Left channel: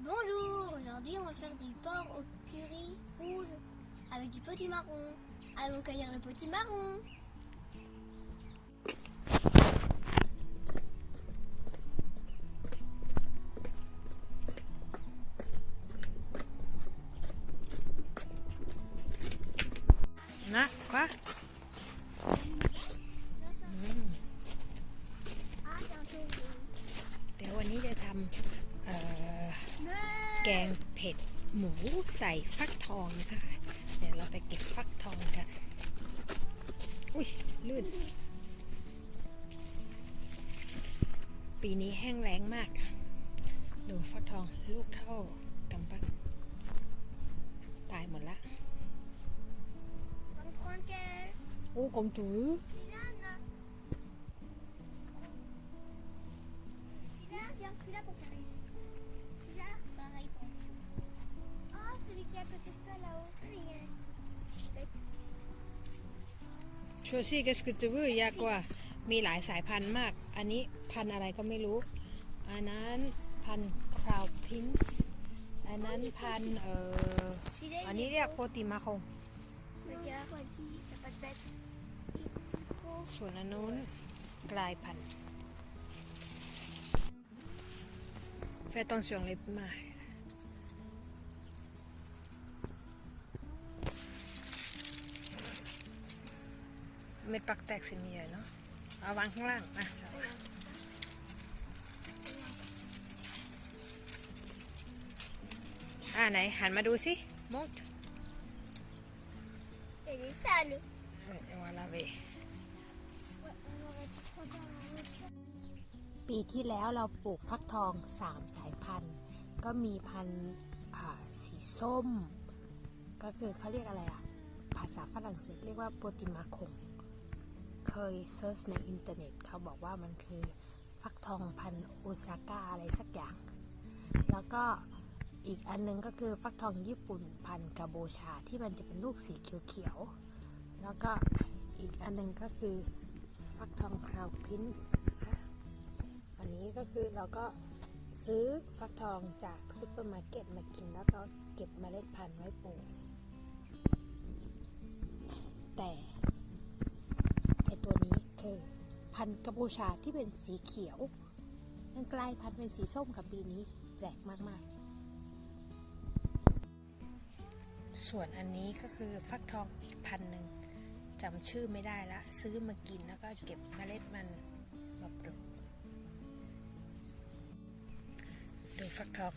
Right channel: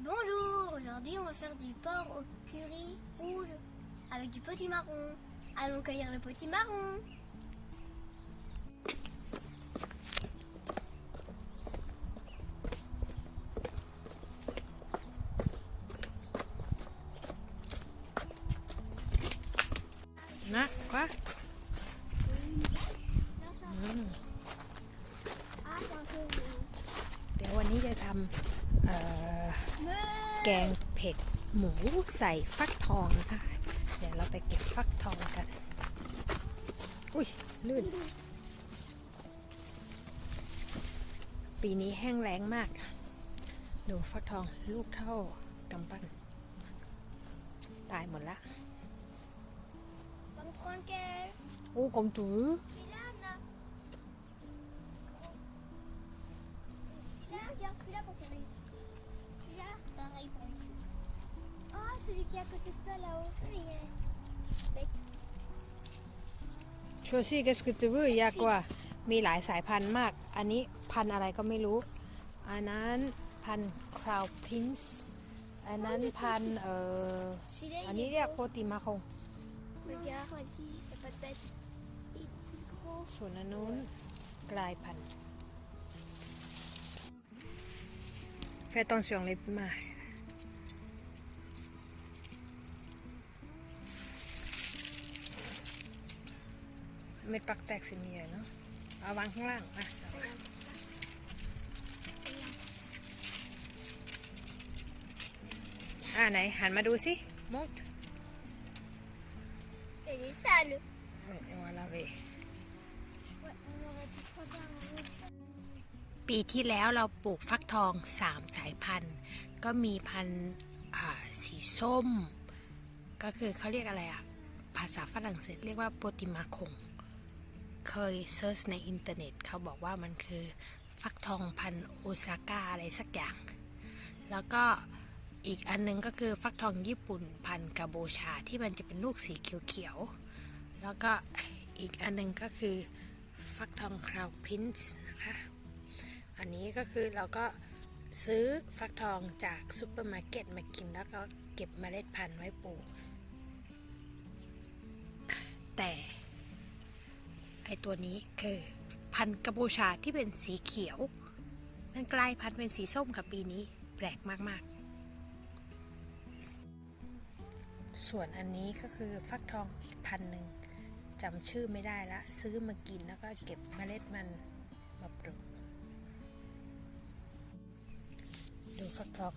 Bonjour, aujourd'hui on va faire du porc au curry rouge avec du potimarron. Allons cueillir le potimarron. Na quoi? แกงเผ็ดหมูใส่ฟักทองนะคะเดี๋ยวเราไปเก็บฟักทองกัน อุ้ยลื่น ปีนี้แห้งแล้งมาก ดูฟักทองลูกเท่ากำปั้น ตายหมดละ Comme tranquille. โอ้กลมจือ à côté de toi là-haut. ชัวซี่ก็สกุตวืยากกว่ามีหลายสายพันธุ์มาก อันนี้พันธุ์อะไรก็ไม่รู้ อันนั้นพันธุ์คราวพินซ์อันนั้นพันธุ์เอ่ออันนี้เรียกโปติมาคง Regarde, vas-y, t'as pas de bête. Il est gros. ส่วนอันนู้นกลายพันธุ์แฟตอ เสียงเล็บมาเม็ดปักแตกสิมีเนาะเอาวางข้างล่างอะสาวะอ่าไหน หันมาดูสิมด Elle est sale. เอ้ยวาลาเว Ouais, on aurait pu prendre un autre. ปีที่แล้วเราปลูกฟักทองสามสายพันธุ์ ก็มีพันธุ์อ่าสีส้ม ก็คือเขาเรียกอะไรอะภาษาฝรั่งเศสเรียกว่าโปติมาคง เคยเซิร์ชในอินเทอร์เน็ตเขาบอกว่ามันคือฟักทองพันโอซาก้าอะไรสักอย่าง แล้วก็อีกอันหนึงก็คือฟักทองญี่ปุ่นพันกาโบชาที่มันจะเป็นลูกสีเขียวๆ แล้วก็อีกอันหนึงก็คือฟักทองคราวพรินซ์นะคะ อันนี้ก็คือเราก็ซื้อฟักทองจากซูเปอร์มาร์เก็ตมากินแล้วก็เก็บเมล็ดพันธุ์ไว้ปลูก ตัวนี้คือพันธุ์กัมพูชาที่เป็นสีเขียว มันกลายพันธุ์เป็นสีส้มกับปีนี้แปลกมาก ๆ ส่วนอันนี้ก็คือฟักทองอีกพันธุ์หนึ่งจำชื่อไม่ได้ละ ซื้อมากินแล้วก็เก็บเมล็ดมันมาปลูก ดูฟักทอง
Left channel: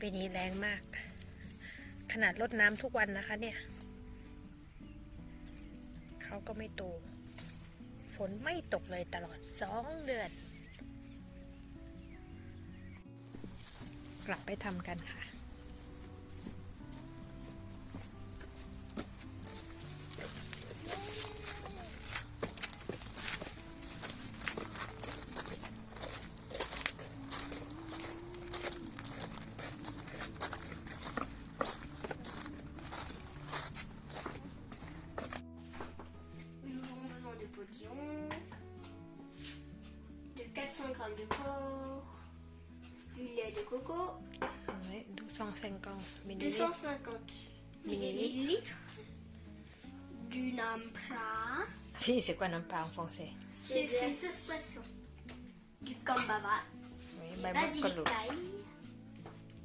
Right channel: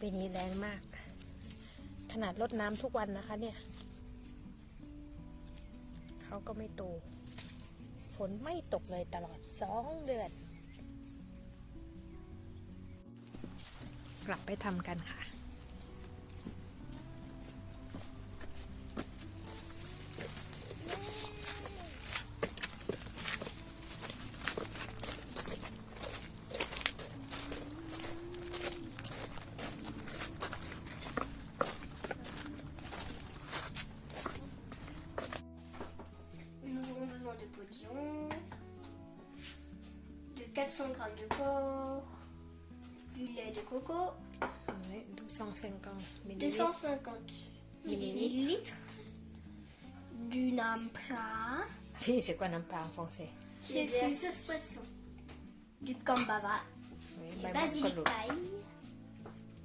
ปีนี้แรงมาก ขนาดรดน้ำทุกวันนะคะเนี่ย เขาก็ไม่โต นไม่ตกเลยตลอดสองเดือน กลับไปทำกันค่ะ 200 grammes de porc, du lait de coco. Ouais, 250 millilitres. 250 millilitres. Du nampra. C'est quoi nampra en français? C'est une sauce poisson. Du cambava. Oui, du. Bah,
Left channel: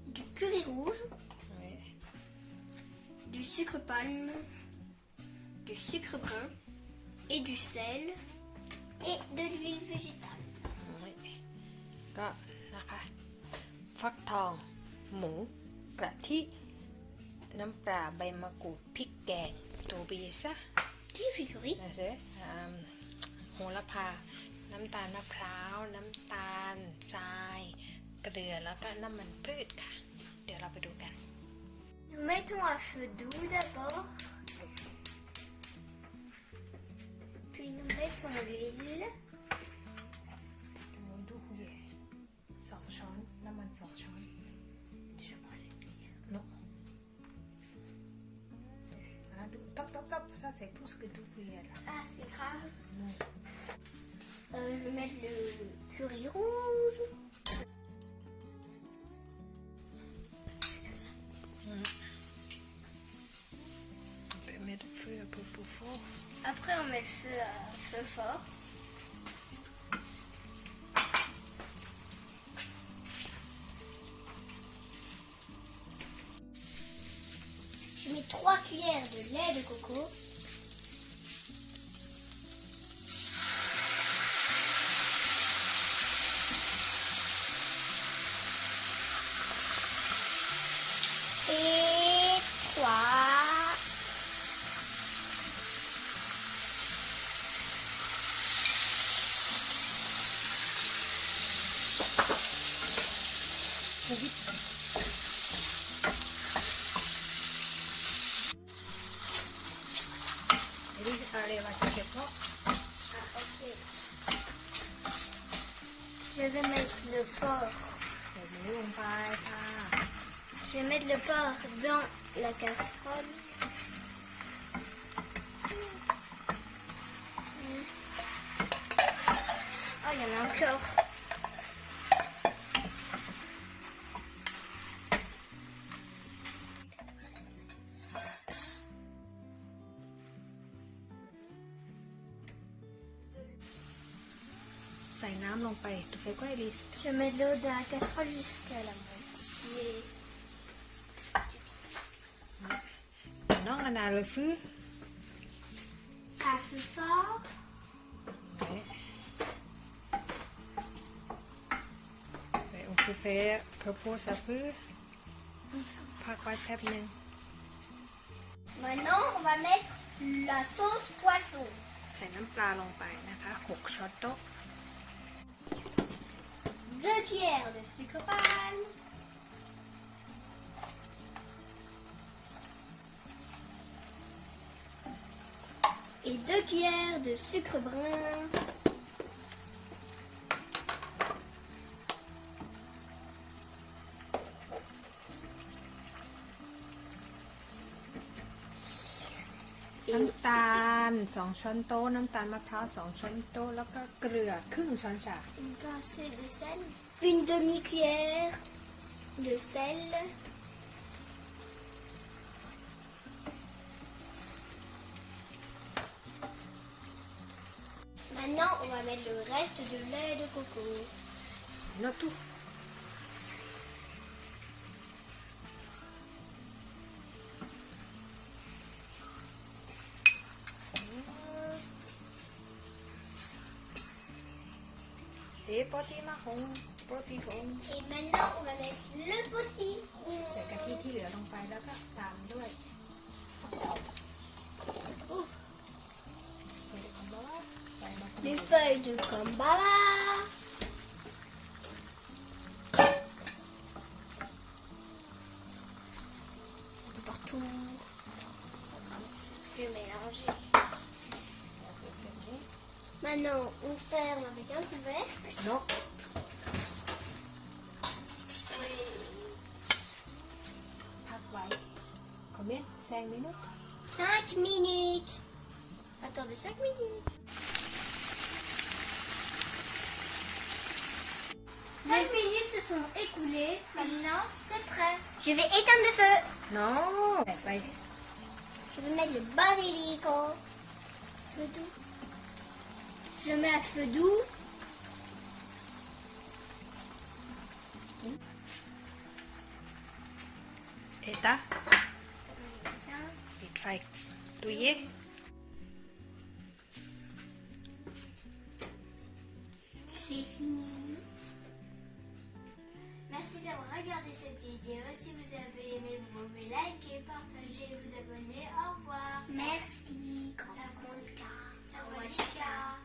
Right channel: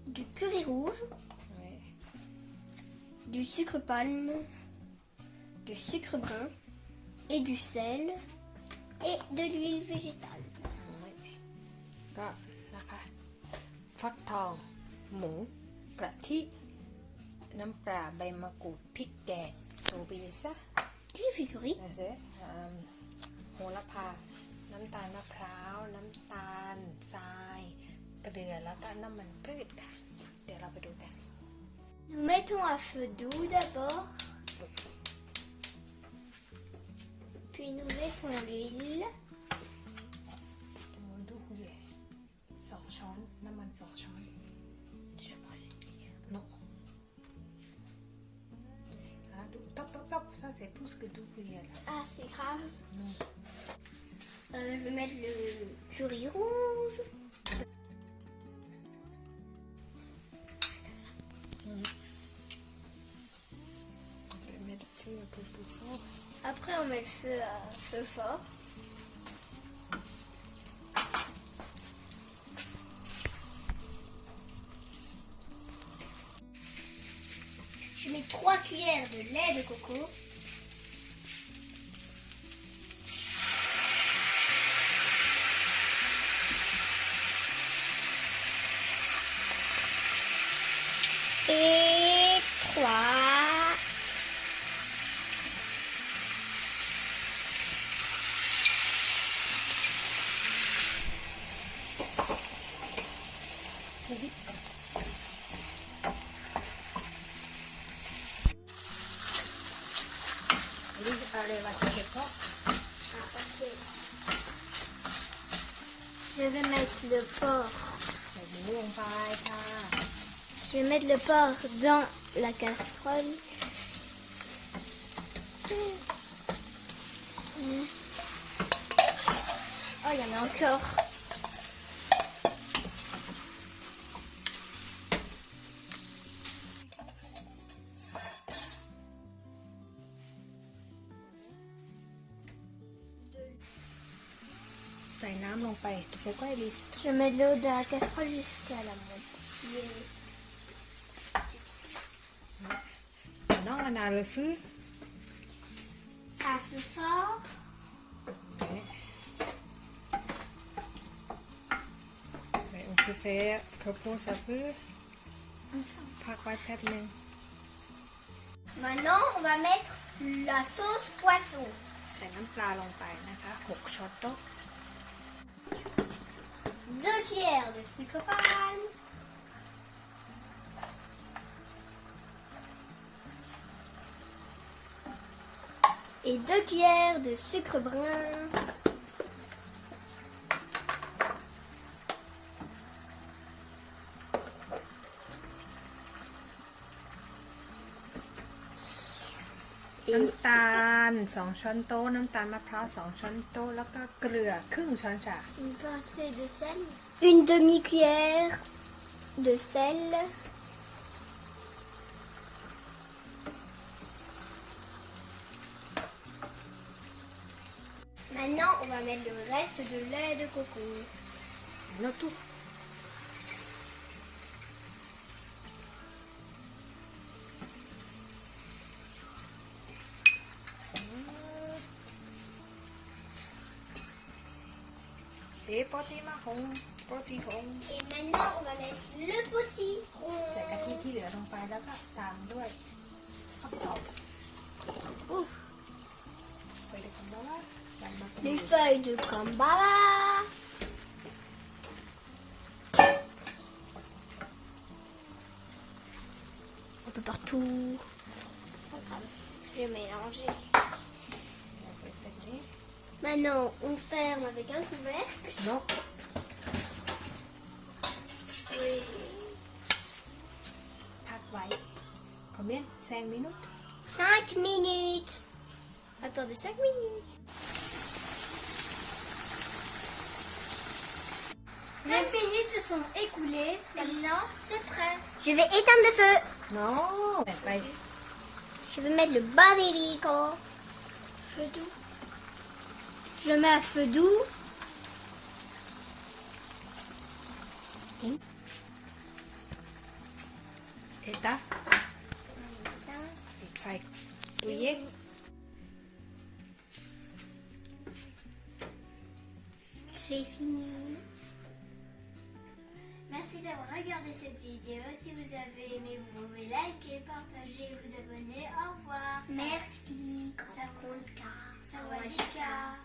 du curry rouge. Du sucre palme. Du sucre brun. Et du sel. Et de l'huile végétale. ก็นะคะ ฟักทอง หมูกะทิ น้ำปลาใบมะกรูดพริกแกงตัวบีซะ Qui fait curry นะเซอ่าโหระพา น้ำตาลมะพร้าว น้ำตาลทราย เกลือแล้วก็น้ำมันพืชค่ะ เดี๋ยวเราไปดูกัน Nous mettons à feu doux d'abord. Puis nous mettons l'huile. La manche sort jaune. Je prends une lire. Non. Ah, top top top, ça c'est plus que tout. Ah, c'est grave. Non. Euh, je vais mettre le curry rouge. C'est comme ça. On peut mettre le feu un peu plus fort. Après, on met le feu à feu fort. Lait de coco. Je vais mettre le porc. C'est bon, pareil, ça. Je vais mettre le porc dans la casserole. Oh, il y en a encore. ส่น้ำลงไป tu fais quoi Elise Je mets de l'eau dans la casserole jusqu'à la moitié. น้องอนาเลยฟื้อ À feu fort. Ouais. Ouais, on peut faire que pour ça peut พักไว้แป๊บหนึง Maintenant, on va mettre la sauce poisson. ใส่น้ำปลาลงไปนะคะ 6ช้อนโต๊ะ 2 cuillères de sucre palme. Et 2 cuillères de sucre brun. Et... 2 ช้อนโต๊ะน้ำตาลมะพร้าว 2 ช้อนโต๊ะแล้วก็เกลือครึ่งช้อนชา une pincée de sel. Une demi-cuillère de sel. Maintenant, on va mettre le reste de lait de coco. โนตุ เอ๊ ะโปรตีมาหงโปรตีหง Et maintenant, on va mettre le petit. ใส่กะทิที่เหลือลงไปแล้วก็ตามด้วยฟักทอง Ouf. ใส่เด็กคำว่าใส่มาเป็น Les feuilles de cambara. Un peu partout. Je vais mélanger. Maintenant, on ferme avec un couvercle. Non. Oui. Ah, Combien? 5 minutes? 5 minutes Attendez 5 minutes. Cinq minutes se sont écoulées. Maintenant, c'est prêt. Je vais éteindre le feu. Non. Je vais mettre le basilic. Feu doux. Je mets à feu doux. Eta, dit fai tuye. C'est fini. Merci d'avoir regardé cette vidéo. Si vous avez aimé, vous pouvez liker, partager et vous abonner. Au revoir. Merci. Ça compte. Ça va